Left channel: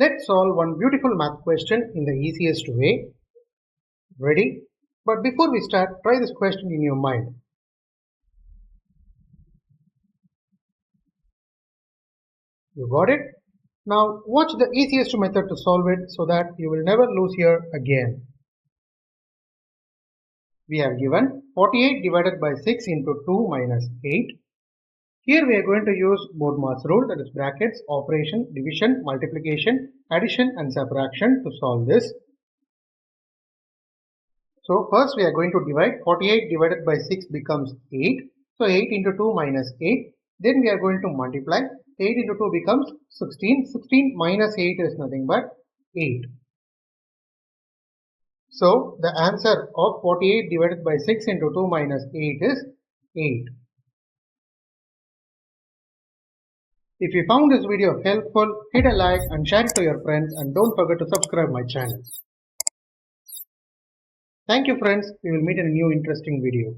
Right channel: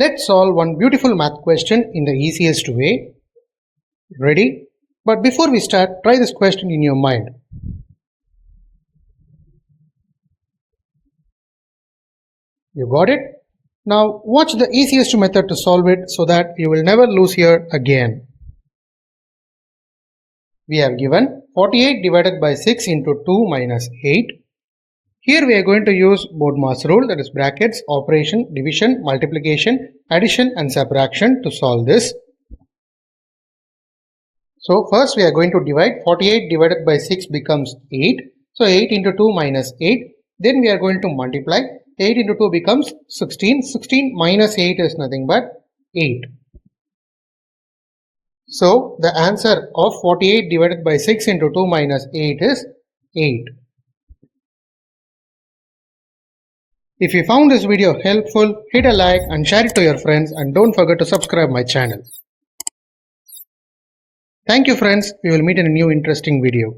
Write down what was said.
Let's solve one beautiful math question in the easiest way. Ready? But before we start, try this question in your mind. You got it? Now watch the easiest method to solve it so that you will never lose here again. We have given 48 divided by 6 into 2 minus 8. Here we are going to use BODMAS rule, that is brackets, operation, division, multiplication, addition and subtraction to solve this. So first we are going to divide. 48 divided by 6 becomes 8. So 8 into 2 minus 8. Then we are going to multiply. 8 into 2 becomes 16. 16 minus 8 is nothing but 8. So the answer of 48 divided by 6 into 2 minus 8 is 8. If you found this video helpful, hit a like and share it to your friends, and don't forget to subscribe my channel. Thank you friends, we will meet in a new interesting video.